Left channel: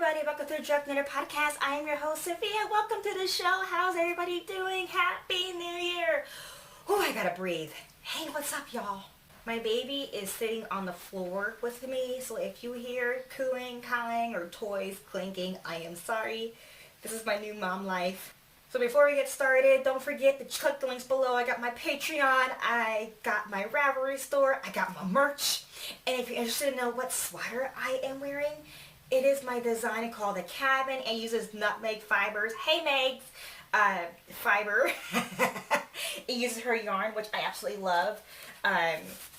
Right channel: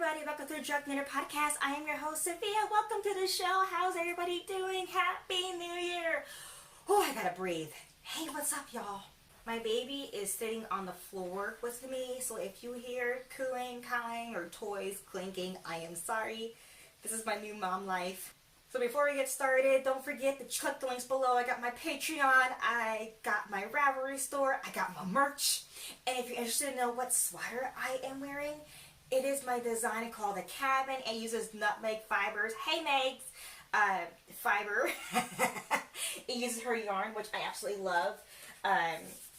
everybody, welcome to the Drug Knitter Podcast. I am your host, Sophia. Welcome to the show. How's everybody doing? Happy New Year. Oh, I gotta breathe. Hey, what's up, y'all? My baby is sitting on the floor with me, so if you hear cooing, cawing, or toys clinking, I am sorry. This is my new mom life. So before we get started, don't forget to click the links below. I got my Patreon, I got my Ravelry store, I got my merch. And if you're interested to know what sweater I am wearing, it is my design called The Cabin. It uses nutmeg fibers. Hey, Megs! Fiber. It uses her yarn, which I absolutely love. And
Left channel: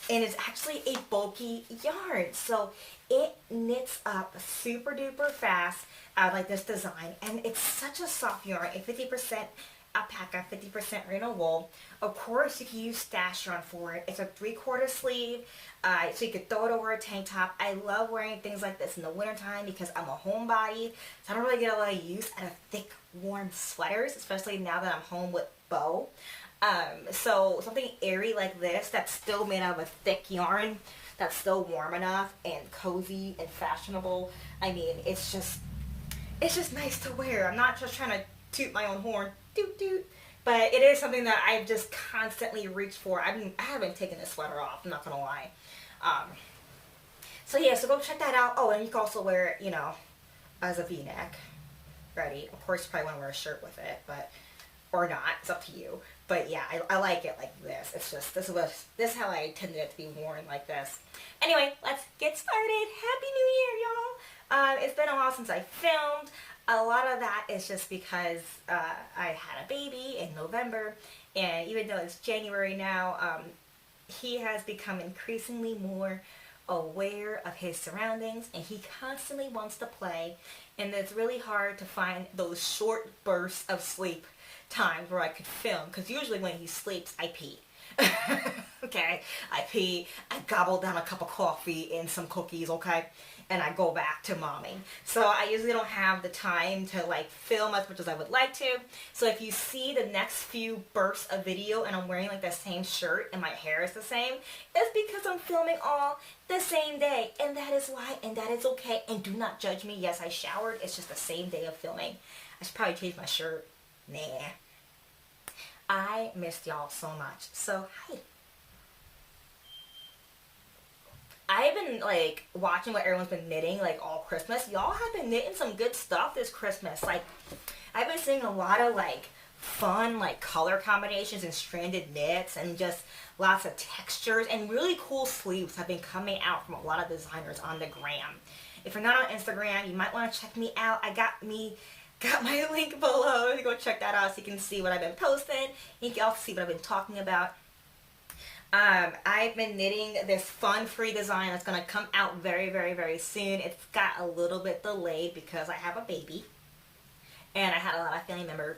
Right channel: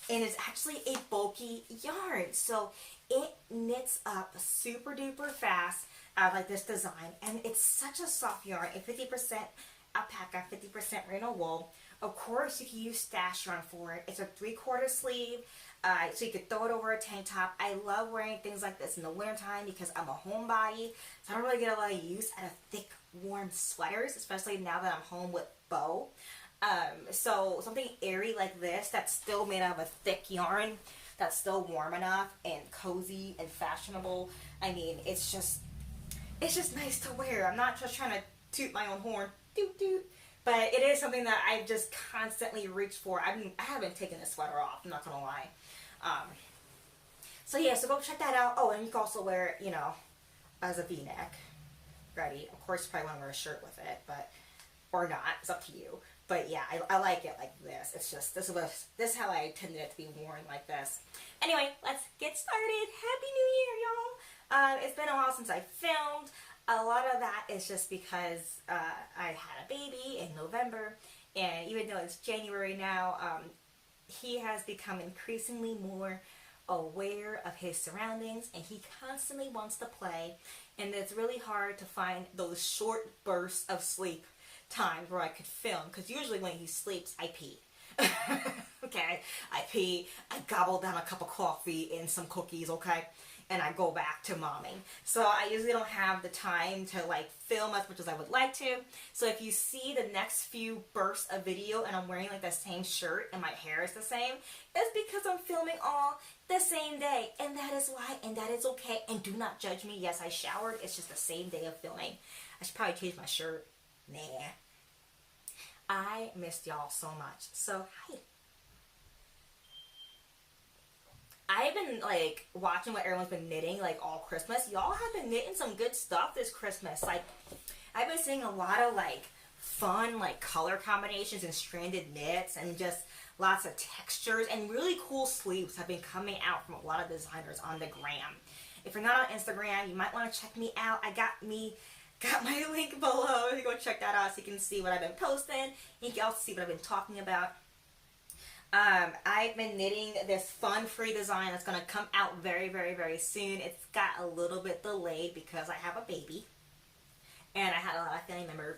it's actually a bulky yarn. So it knits up super duper fast. I like this design. And it's such a soft yarn. It's 50% alpaca, 50% merino wool. Of course, you can use stash yarn for it. It's a 3/4 sleeve. So you could throw it over a tank top. I love wearing things like this in the wintertime because I'm a homebody. So I don't really get a lot of use out of thick, warm sweaters, especially now that I'm home with Bo. So something airy like this that's still made out of a thick yarn, that's still warm enough and cozy and fashionable. I mean, it's just nice to wear. I'm not just trying to toot my own horn, doot doot. But it is something that I've just constantly reached for. I haven't taken this sweater off, I'm not gonna lie. So yeah, so go check that out. Oh, and you can also wear it, as a V-neck. Ready. Of course, you probably want to wear a shirt with it, or not. It's up to you. But yeah, I like it like this. It's just, this is how I intended it to be worn, like this. Anyway, let's get started. Happy New Year, y'all. It's been a while since I filmed. A lot of that is just because I had a baby in November, and even though it's January now, he has become increasingly more aware of his surroundings, and he constantly wants to play, and it's really hard to find those short bursts of sleep times where I could film, because usually when he sleeps, I pee. Okay, I pee, I gobble down a cup of coffee and some cookies, okay, and I go back to momming. So I usually don't have the time to film as much as I would like to. So if you see the next few bursts of video and I'm wearing the same shirt and my hair is the same, it's because I'm filming all the same day, and that is why, and that is okay, and do not judge me. Yes, I showered, it's just the same day of filming. I should probably change my shirt. Nah. I missed y'all so much. So, hi. I've been watching what everyone's been knitting all Christmas. Y'all have been knitting some good stuff this Christmas. I've been seeing a lot of fun color combinations and stranded knits, and just lots of textures, and really cool sleeves have been coming out from a lot of designers on the gram. If you're not on Instagram, you might want to check me out. I got my link below. You go check that out so you can see what I've been posting. You can also see what I've been talking about. I've been knitting this fun free design that's going to come out very, very, very soon. It's got a little bit delayed because I have a baby, and I had a lot of family members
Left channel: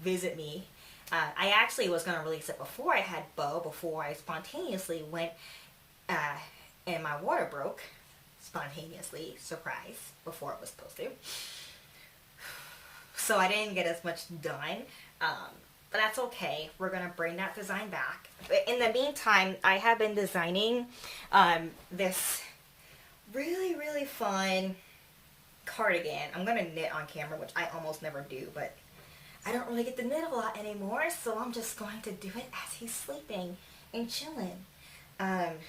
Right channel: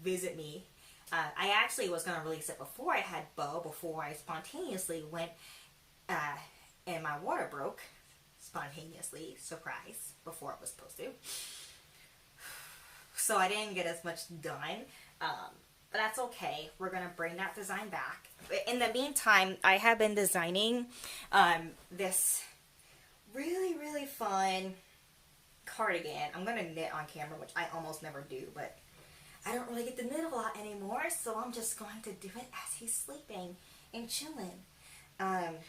visit me. I actually was going to release it before I had Bo, before I spontaneously went and my water broke spontaneously, surprise, before it was supposed to. So I didn't get as much done. But that's okay. We're going to bring that design back. But in the meantime, I have been designing this really, really fun cardigan. I'm going to knit on camera, which I almost never do, but I don't really get to knit a lot anymore, so I'm just going to do it as he's sleeping and chilling. Look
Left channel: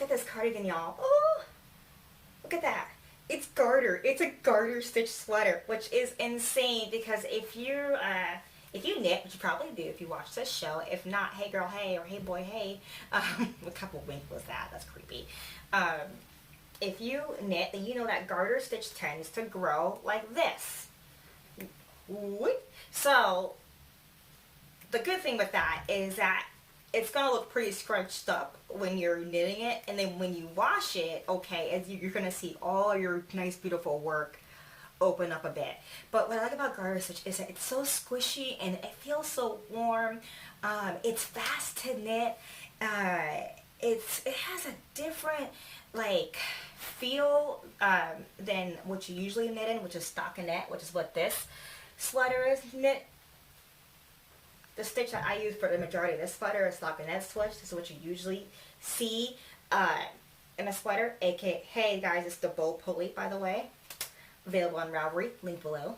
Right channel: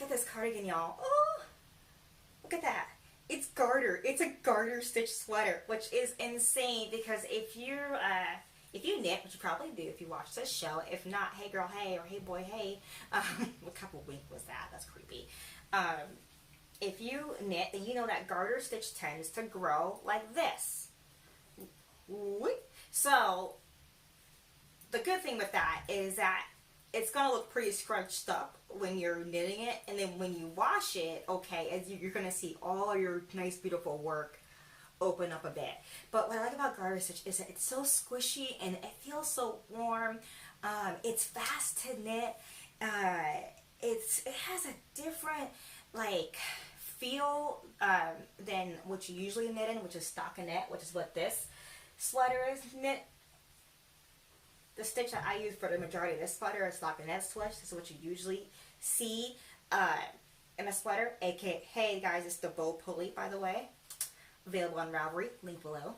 at this cardigan, y'all. Oh, look at that. It's garter. It's a garter stitch sweater, which is insane because if you knit, which you probably do if you watch this show, if not, hey girl, hey, or hey boy, hey, what type of wink was that? That's creepy. If you knit, then you know that garter stitch tends to grow like this. So the good thing with that is that it's going to look pretty scrunched up when you're knitting it, and then when you wash it, okay, you're going to see all your nice, beautiful work open up a bit. But what I like about garter stitch is that it's so squishy and it feels so warm. It's fast to knit. It has a different feel than what you usually knit in, which is stockinette, which is what this sweater is knit. The stitch that I use for the majority of this sweater is stockinette stitch. This is what you usually see. in a sweater, aka, hey guys, it's the bow pulley, by the way, available on Ravelry, link below.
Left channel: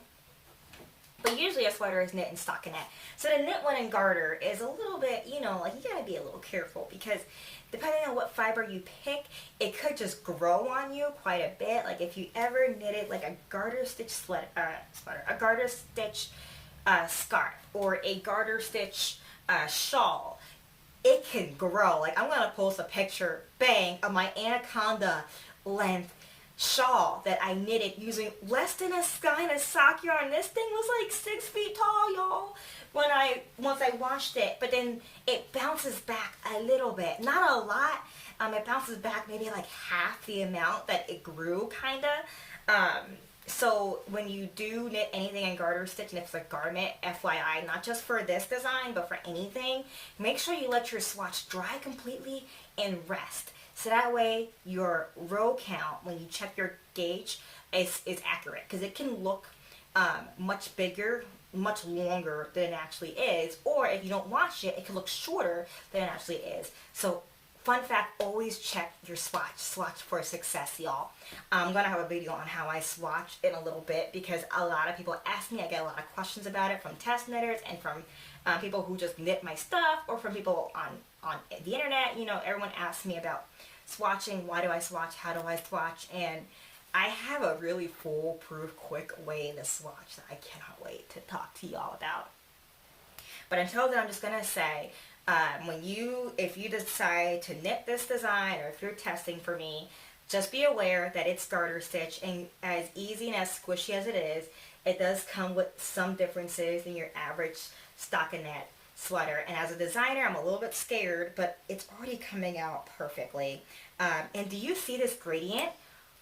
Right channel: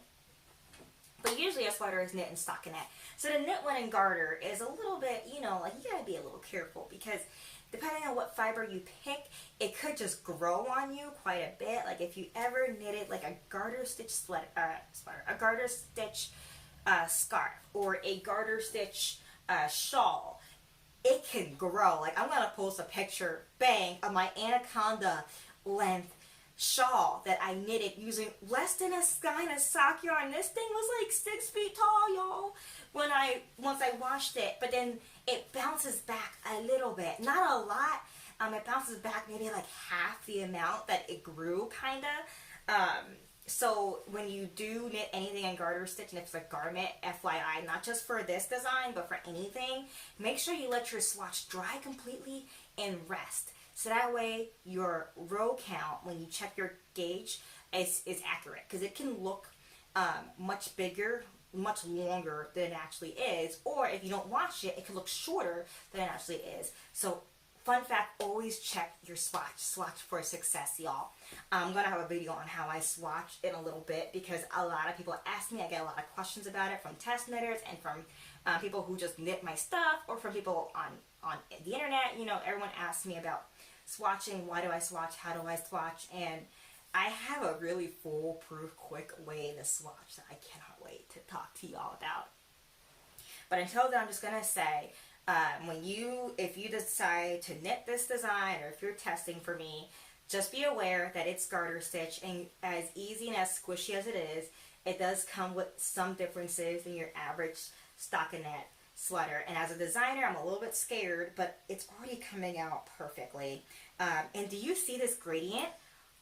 But usually a sweater is knit and stockinette. So the knit one and garter is a little bit, you know, like you gotta be a little careful because depending on what fiber you pick, it could just grow on you quite a bit. Like if you ever knitted like a garter stitch a garter stitch scarf or a garter stitch shawl, it can grow. Like I'm gonna post a picture, bang, of my anaconda length shawl that I knitted using less than a skein of sock yarn. This thing was like 6 feet tall, y'all, once I washed it. But then it bounces back a little bit, not a lot. It bounces back maybe like half the amount that it grew, kinda. So when you do knit anything in garter stitch, and it's a garment, FYI, not just for this design, but for anything, make sure you let your swatch dry completely and rest. So that way your row count, when you check your gauge, is accurate. Because it can look much bigger, much longer than it actually is. Or if you don't wash it, it can look shorter than it actually is. So fun fact, always check your swatch. Swatch for success, y'all. I'm going to have a video on how I swatch in a little bit because a lot of people ask me. I get a lot of questions about it from test knitters and from people who just knit my stuff, or from people on the internet. You know, everyone asks me about swatching. Why do I swatch? How do I swatch? And I have a really foolproof, quick way to swatch that I cannot wait to talk to y'all about. But until then, I'm just going to say, if you decide to knit this design, or if you're testing for me, just be aware that it's garter stitch, and as easy and as squishy as it is, it does come with some differences in your average stockinette sweater. And as a designer, I'm a little bit scared, but it's already coming out perfectly. And do you see this gradient?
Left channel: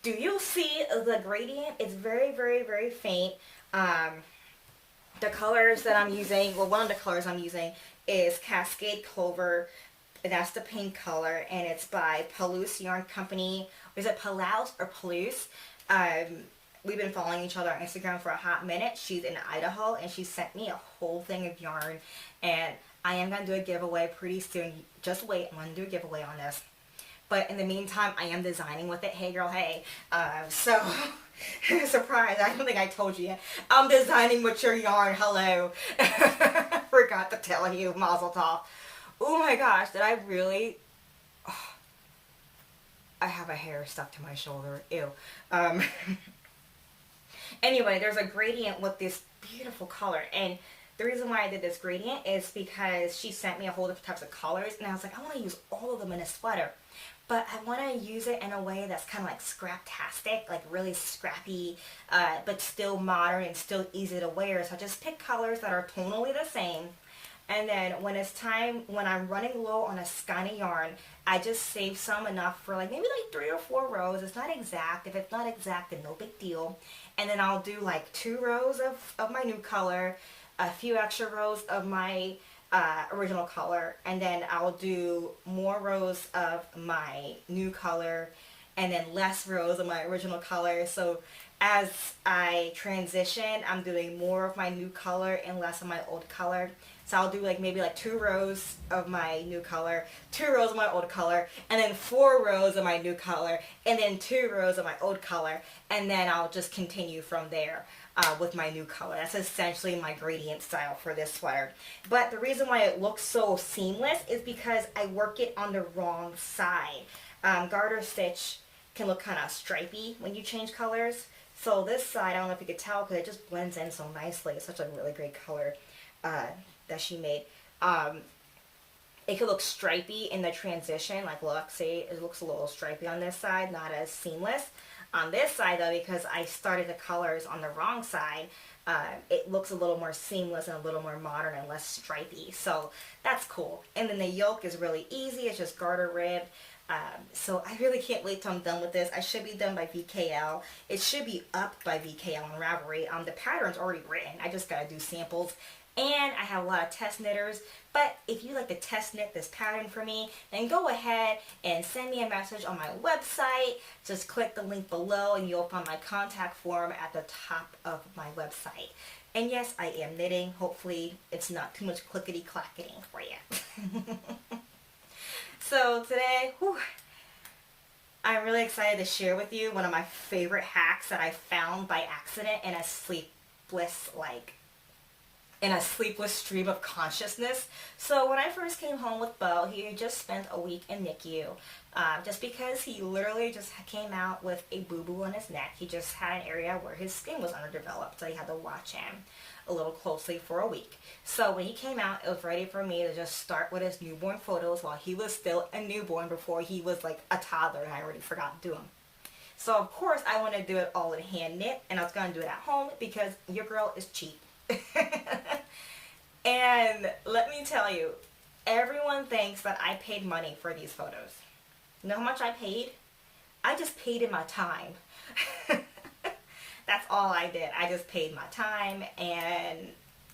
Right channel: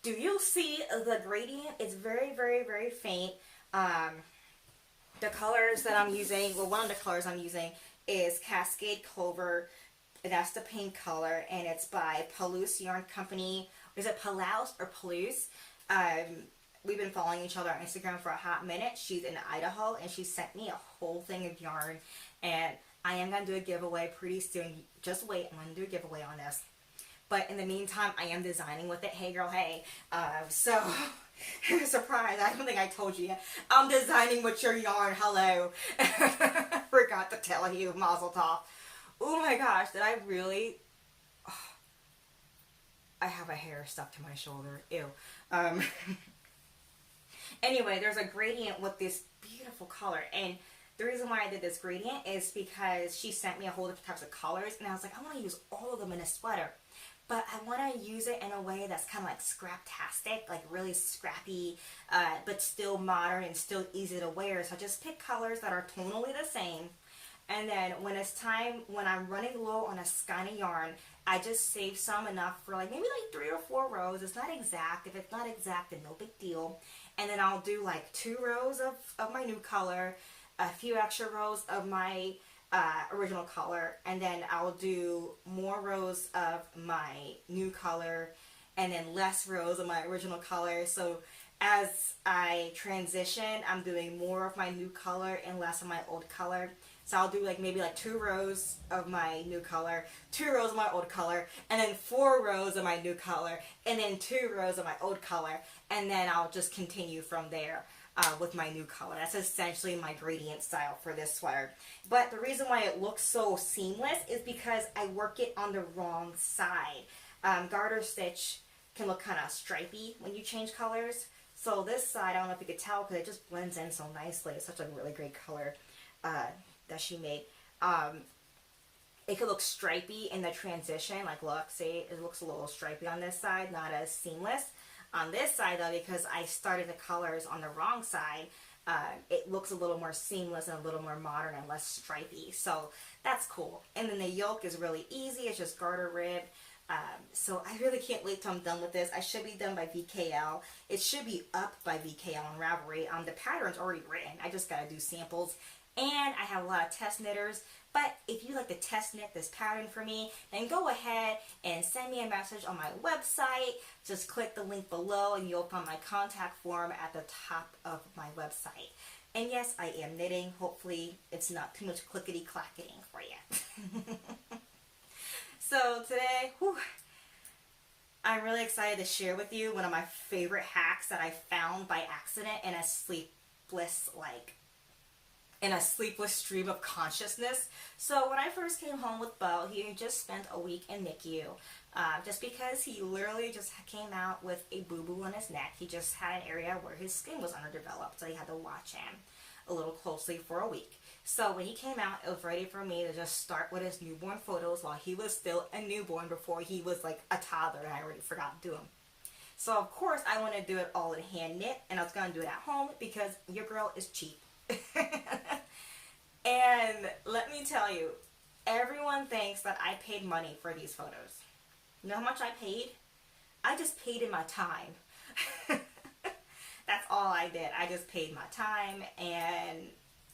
Do you see the gradient? It's very, very, very faint. The colors that I'm using, well, one of the colors I'm using is Cascade Clover. That's the pink color, and it's by Palouse Yarn Company. Is it Palouse or Palouse? We've been following each other on Instagram for a hot minute. She's in Idaho, and she sent me a whole thing of yarn, and I am going to do a giveaway pretty soon. Just wait, I'm going to do a giveaway on this. But in the meantime, I am designing with it. Hey girl, hey. So, surprise, I don't think I told you yet. I'm designing with your yarn, hello. Forgot to tell you, mazel tov. Oh my gosh, did I really... Oh, I have a hair stuck to my shoulder, ew. Anyway, there's a gradient with this beautiful color, and the reason why I did this gradient is because she sent me a whole different types of colors, and I was like, I want to use all of them in a sweater. But I want to use it in a way that's kind of like scraptastic, like really scrappy, but still modern and still easy to wear. So I just pick colors that are tonally the same. And then when it's time, when I'm running low on a skein of yarn, I just save some enough for like maybe like 3 or 4 rows. It's not exact. If it's not exact, then no big deal. And then I'll do like 2 rows of my new color, a few extra rows of my original color, and then I'll do more rows of my new color, and then less rows of my original color. So as I transition, I'm doing more of my new color and less of my old color. So I'll do like maybe like 2 rows of my new color, 2 rows of my old color, and then 4 rows of my new color, and then 2 rows of my old color, and then I'll just continue from there with my new color. That's essentially my gradient style for this sweater. But the reason why it looks so seamless is because I work it on the wrong side. Garter stitch can look kind of stripy when you change colors. So this side, I don't know if you could tell because it just blends in so nicely. It's such a really great color that she made. It could look stripy in the transition. Like look, see, it looks a little stripy on this side, not as seamless. On this side though, because I started the colors on the wrong side, it looks a little more seamless and a little more modern and less stripy. So that's cool. And then the yoke is really easy. It's just garter rib. So I really can't wait till I'm done with this. I should be done by VKL. It should be up by VKL on Ravelry. The pattern's already written. I just gotta do samples. And I have a lot of test knitters. But if you like to test knit this pattern for me, then go ahead and send me a message on my website. Just click the link below and you'll find my contact form at the top of my website. And yes, I am knitting. Hopefully it's not too much clickety-clacketing for you. So today, I'm really excited to share with you one of my favorite hacks that I found by accident in a sleepless stream of consciousness. So when I first came home with Bo, he had just spent a week in NICU. Just because he literally just came out with a boo-boo on his neck. He just had an area where his skin was underdeveloped, so he had to watch him a little closely for a week. So when he came out, it was ready for me to just start with his newborn photos while he was still a newborn before he was like a toddler and I already forgot to do them. So of course I want to do it all in hand knit, and I was going to do it at home because your girl is cheap. And let me tell you, everyone thinks that I paid money for these photos. You know how much I paid? I just paid in my time. That's all I did. I just paid my time and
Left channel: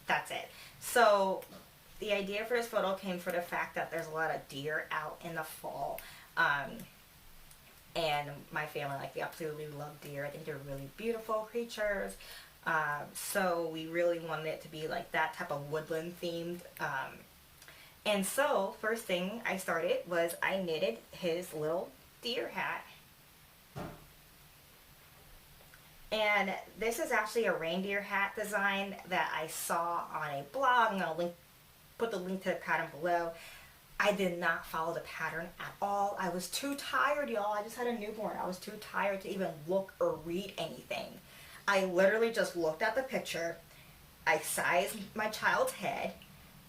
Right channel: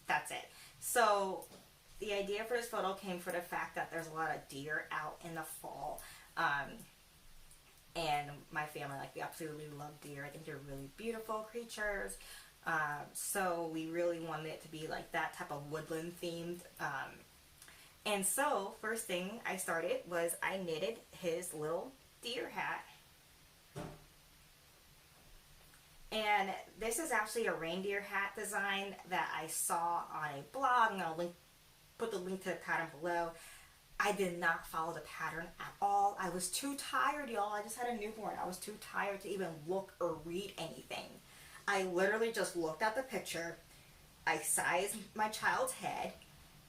that's it. So the idea for this photo came for the fact that there's a lot of deer out in the fall. And my family, like, we absolutely love deer. I think they're really beautiful creatures. So we really wanted it to be like that type of woodland themed. And so first thing I started was I knitted his little deer hat. And this is actually a reindeer hat design that I saw on a blog. I'm going to put the link to the pattern below. I did not follow the pattern at all. I was too tired, y'all. I just had a newborn. I was too tired to even look or read anything. I literally just looked at the picture. I sized my child's head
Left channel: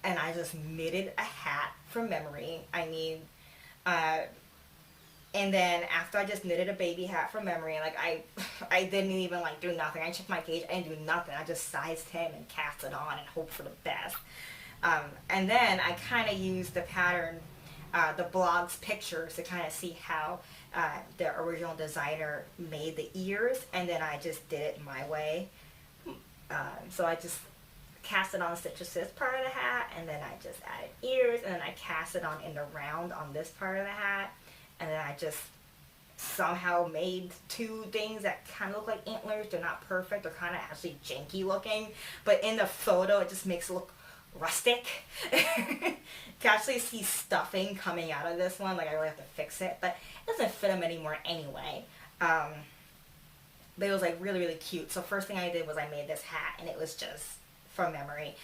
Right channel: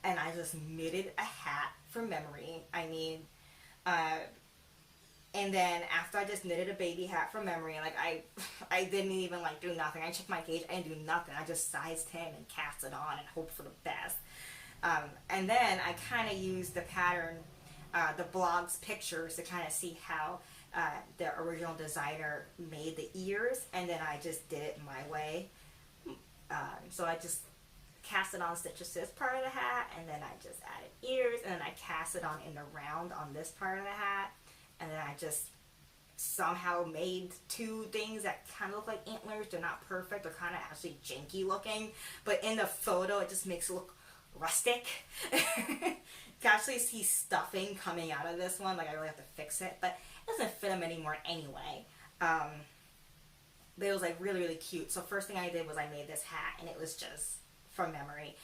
and I just knitted a hat from memory. I mean, and then after I just knitted a baby hat from memory, like I didn't even like do nothing. I checked my gauge. I didn't do nothing. I just sized him and cast it on and hoped for the best. And then I kind of used the pattern, the blog's pictures to kind of see how the original designer made the ears, and then I just did it my way. So I just cast it on, stitches this part of the hat, and then I just added ears, and then I cast it on in the round on this part of the hat, and then I just somehow made two things that kind of look like antlers. They're not perfect. They're kind of actually janky looking, but in the photo it just makes it look rustic. You can actually see stuffing coming out of this one. Like, I really have to fix it, but it doesn't fit them anymore anyway. But it was like really, really cute. So first thing I did was I made this hat, and it was just from memory.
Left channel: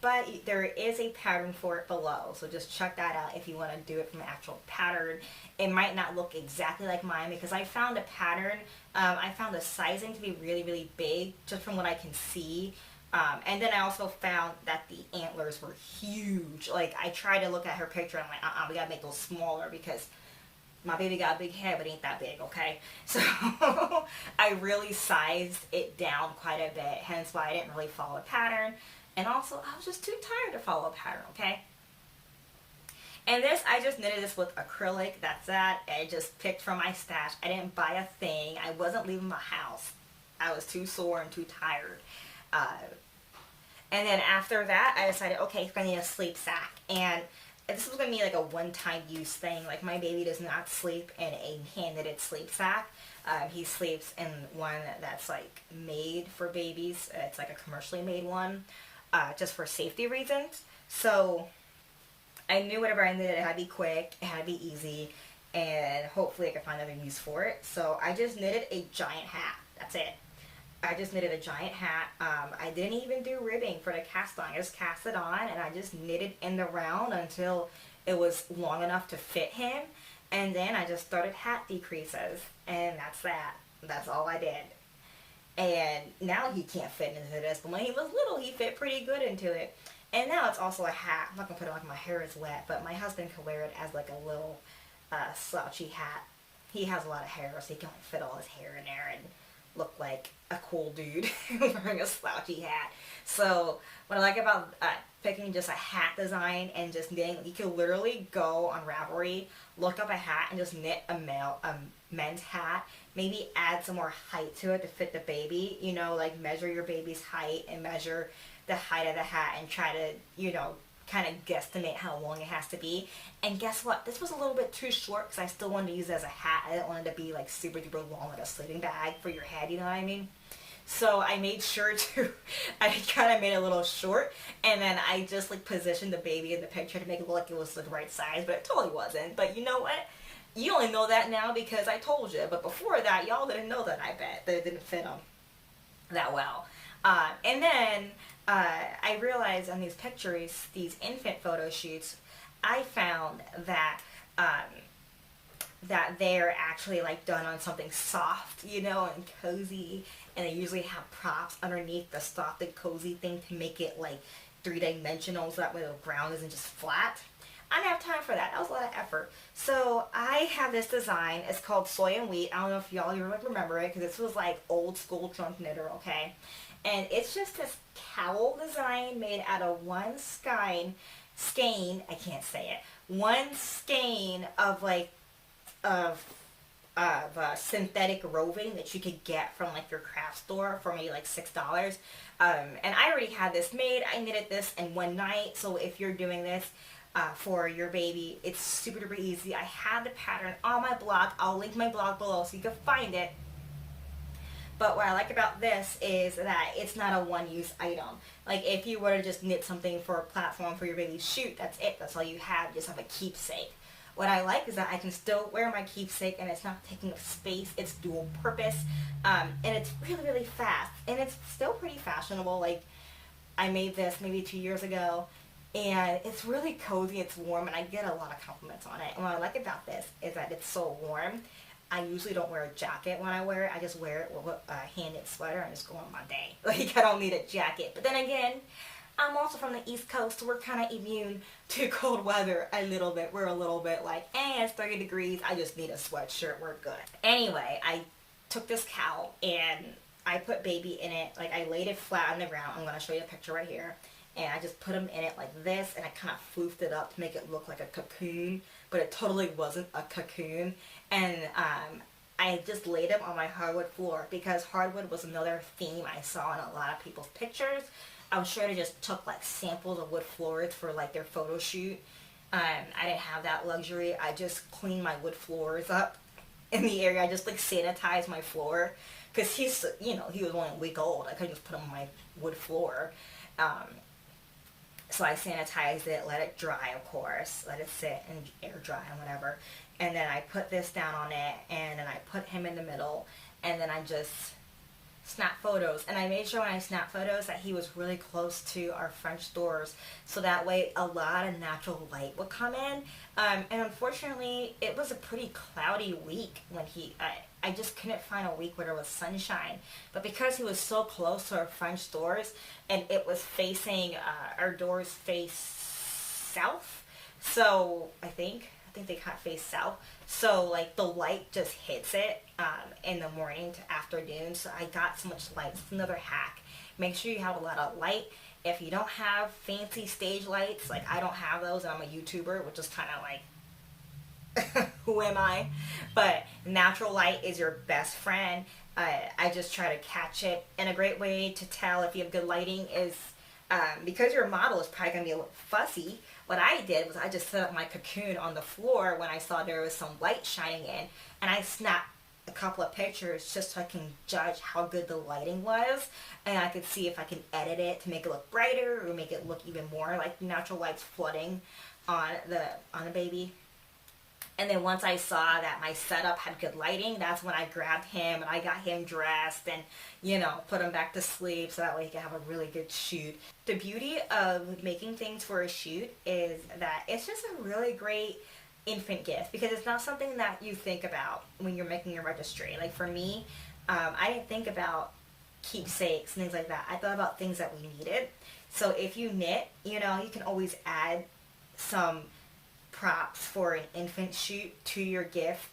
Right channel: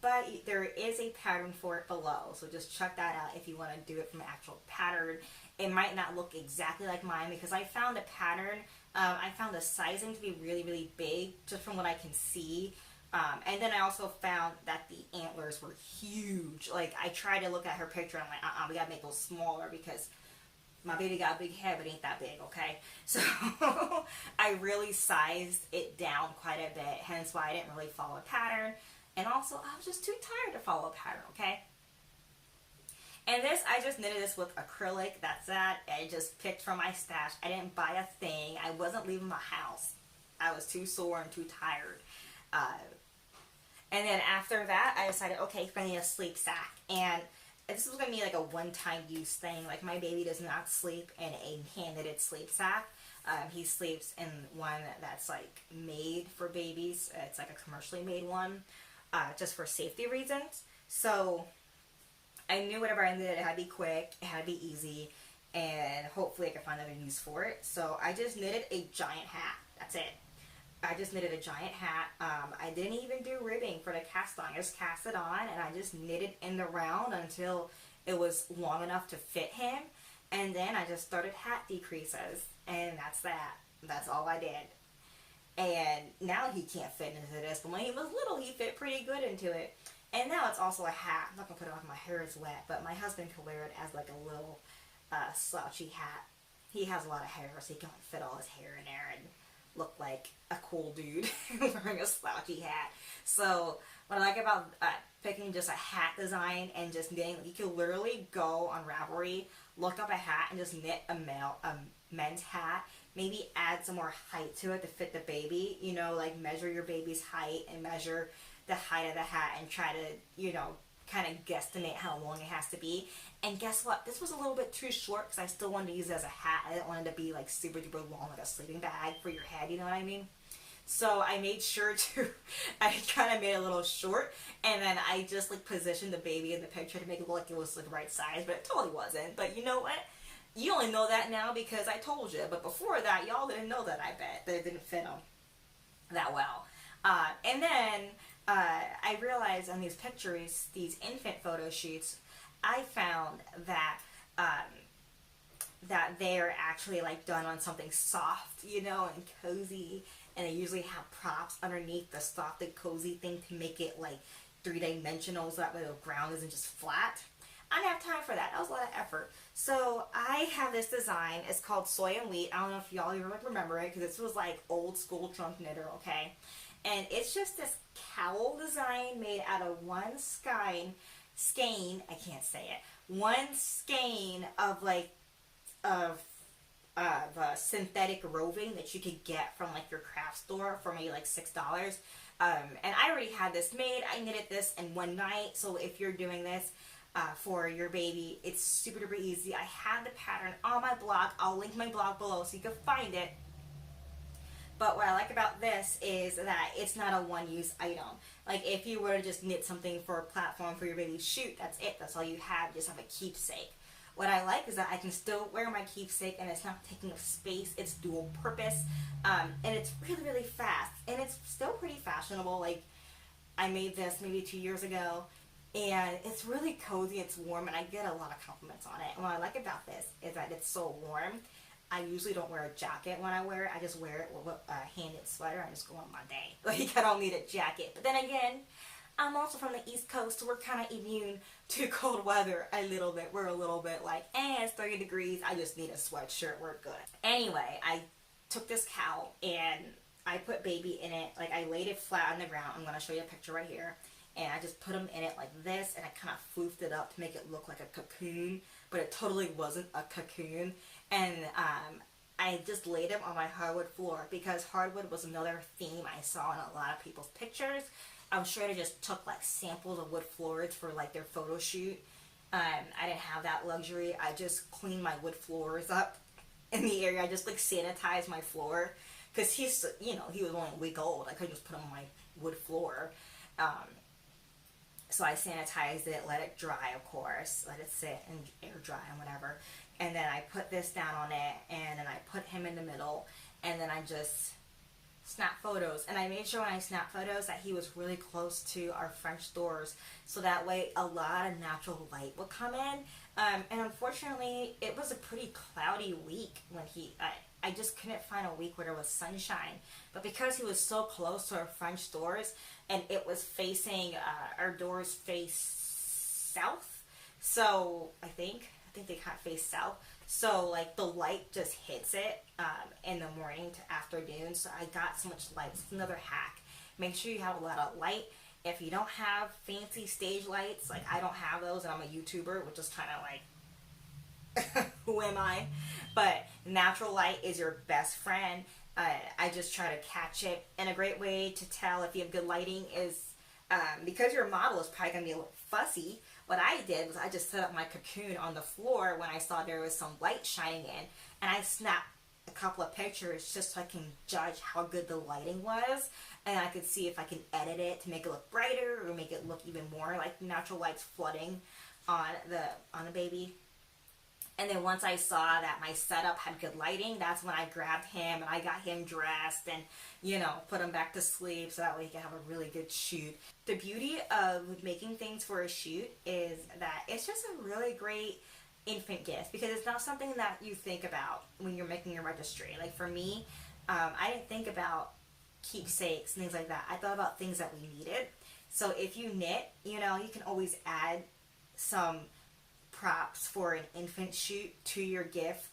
But there is a pattern for it below, so just check that out if you want to do it from an actual pattern. It might not look exactly like mine because I found a pattern. I found the sizing to be really, really big just from what I can see. And then I also found that the antlers were huge. Like, I tried to look at her picture and I'm like, we gotta make those smaller because my baby got a big head but ain't that big, okay? So I really sized it down quite a bit, hence why I didn't really follow a pattern. And also, I was just too tired to follow a pattern, okay? And this, I just knitted this with acrylic. That's that. I just picked from my stash. I didn't buy a thing. I wasn't leaving my house. I was too sore and too tired. And then after that, I decided, okay, I need a sleep sack. And this was going to be like a one-time use thing. Like, my baby does not sleep in a hand-knitted sleep sack. He sleeps in one that's like made for babies. It's like a commercially made one, just for safety reasons. So I knew whatever I knitted, it had to be quick, it had to be easy, and hopefully I could find another use for it. So I just knitted a giant hat. That's it. I just knitted a giant hat. I didn't even do ribbing for the cast on. I just cast it on and I just knitted in the round until it was long enough to fit him. And then I just started hat decreases. And that's that. That's all I did. And now he can't fit into this. But when he was little, he fit pretty good into it. And now it's also a hat. I'm not going to put it on, my hair is wet. But my husband can wear it as like a little slouchy hat. He has a lot of hair, so he can like fit all his hair in there and look like a cool dude wearing a slouchy hat. So what I like about picking just a hat design and just knitting, you can literally go on Ravelry, look up a hat and just knit a men's hat, maybe add some more height to it to fit the baby, you know, like measure your baby's height and measure the height of the hat and try to, you know, kind of guesstimate how long it has to be. And guess what? This was a little bit too short because I still wanted to use it as a hat. I didn't want it to be like super duper long, like a sleeping bag for your head, you know what I mean? So I made sure to, I kind of made it a little short, and then I just like positioned the baby in the picture to make it look like it was the right size, but it totally wasn't. But you know what? You only know that now because I told you, but before that, y'all didn't know that. I bet that it didn't fit them that well. And then I realized on these pictures, these infant photo shoots, I found that that they're actually like done on something soft, you know, and cozy, and they usually have props underneath the soft and cozy thing to make it like three-dimensional, so that way the ground isn't just flat. I didn't have time for that. That was a lot of effort. So I have this design. It's called Soy and Wheat. I don't know if y'all even remember it, because this was like old school trunk knitter, okay? And it's just this cowl design made out of one skein, I can't say it, one skein of like synthetic roving that you could get from like your craft store for maybe like $6. And I already had this made. I knitted this in one night. So if you're doing this for your baby, it's super duper easy. I have the pattern on my blog. I'll link my blog below so you can find it. But what I like about this is that it's not a one-use item. Like if you were to just knit something for a platform for your baby's shoot, that's it. That's all you have. You just have a keepsake. What I like is that I can still wear my keepsake and it's not taking up space. It's dual purpose. And it's really, really fast. And it's still pretty fashionable. Like I made this maybe 2 years ago. And it's really cozy. It's warm. And I get a lot of compliments on it. And what I like about this is that it's so warm. I usually don't wear a jacket when I wear it. I just wear it with a hand-knit sweater and just go on my day. Like, I don't need a jacket. But then again, I'm also from the East Coast, so we're kind of immune to cold weather a little bit. We're a little bit like, it's 30 degrees. I just need a sweatshirt. We're good. Anyway, I took this cowl and I put baby in it. Like, I laid it flat on the ground. I'm going to show you a picture right here. And I just put him in it like this, and I kind of floofed it up to make it look like a cocoon, but it totally wasn't a cocoon. And I just laid him on my hardwood floor because hardwood was another theme I saw in a lot of people's pictures. I'm sure they just took like samples of wood floors for like their photo shoot. I didn't have that luxury. I just cleaned my wood floors up in the area. I just like sanitized my floor because he's, you know, he was only a week old. I couldn't just put him on my wood floor. So I sanitized it, let it dry, of course, let it sit and air dry and whatever. And then I put this down on it, and then I put him in the middle, and then I just snapped photos. And I made sure when I snapped photos that he was really close to our French doors, so that way a lot of natural light would come in. And unfortunately, it was a pretty cloudy week when I just couldn't find a week where there was sunshine. But because he was so close to our French doors, and it was facing, our doors face south, so I think they kind of face south. So like the light just hits it in the morning to afternoon. So I got so much light. It's another hack. Make sure you have a lot of light. If you don't have fancy stage lights, like I don't have those, and I'm a YouTuber, which is kind of like, who am I? But natural light is your best friend. I just try to catch it. And a great way to tell if you have good lighting is because your model is probably going to be a little fussy. What I did was I just set up my cocoon on the floor when I saw there was some light shining in, and I snapped a couple of pictures just so I can judge how good the lighting was, and I could see if I can edit it to make it look brighter or make it look even more like natural lights flooding on the baby. And then once I saw that my setup had good lighting, that's when I grabbed him and I got him dressed and, you know, put him back to sleep so that way he could have a really good shoot. The beauty of making things for a shoot is that it's just a really great infant gift because it's not something that you think about when you're making your registry. Like for me, I didn't think about keepsakes and things like that. I thought about things that we needed. So if you knit, you know, you can always add some props for an infant shoot to your gift.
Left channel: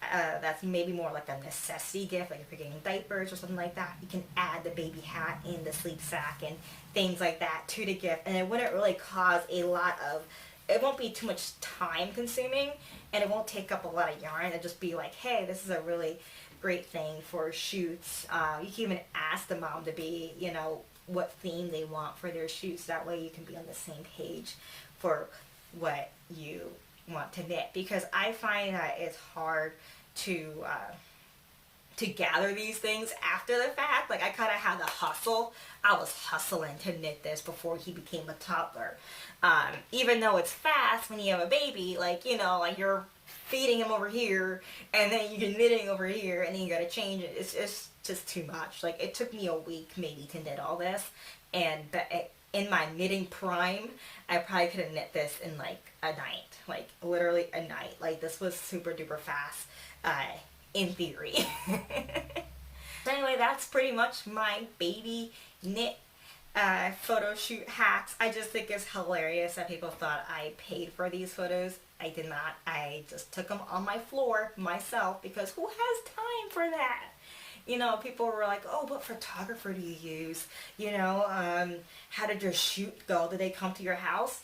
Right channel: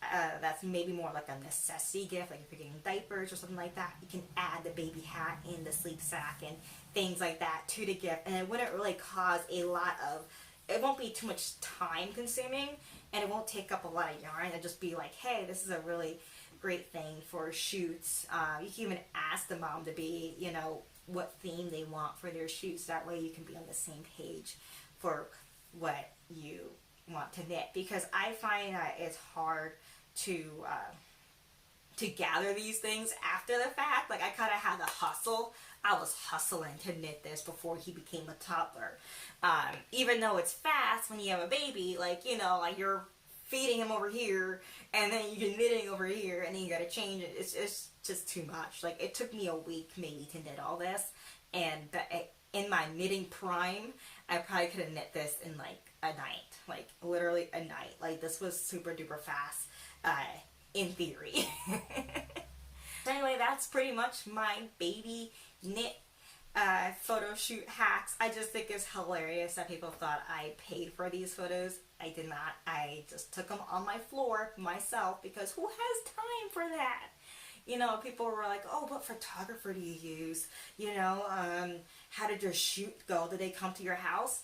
That's maybe more like a necessity gift, like if you're getting diapers or something like that. You can add the baby hat in the sleep sack and things like that to the gift, and it wouldn't really cause a lot of, it won't be too much time consuming, and it won't take up a lot of yarn. It'll just be like, hey, this is a really great thing for shoots. You can even ask the mom to be, you know, what theme they want for their shoots. That way you can be on the same page for what you want to knit, because I find that it's hard to gather these things after the fact. Like I kind of had to hustle. I was hustling to knit this before he became a toddler. Even though it's fast when you have a baby, like, you know, like you're feeding him over here, and then you're knitting over here, and then you gotta change it. It's just too much. Like, it took me a week maybe to knit all this, and in my knitting prime, I probably could have knit this in like a night, like literally a night. Like, this was super duper fast, in theory. So anyway, that's pretty much my baby knit photo shoot hacks. I just think it's hilarious that people thought I paid for these photos. I did not. I just took them on my floor myself, because who has time for that? You know, people were like, oh, what photographer do you use? You know, how did your shoot go? Did they come to your house?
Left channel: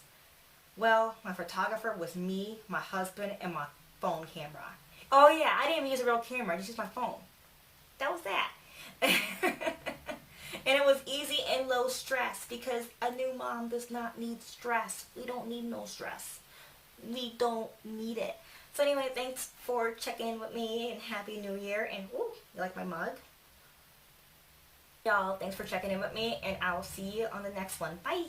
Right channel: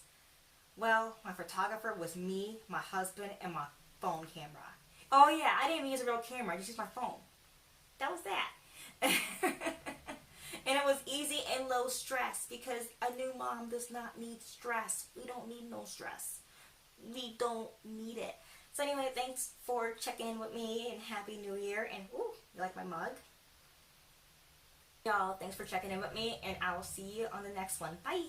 Well, my photographer was me, my husband, and my phone camera. Oh yeah, I didn't even use a real camera. I just used my phone. That was that. And it was easy and low stress, because a new mom does not need stress. We don't need no stress. We don't need it. So anyway, thanks for checking in with me, and Happy New Year. And ooh, you like my mug? Y'all, thanks for checking in with me, and I will see you on the next one. Bye.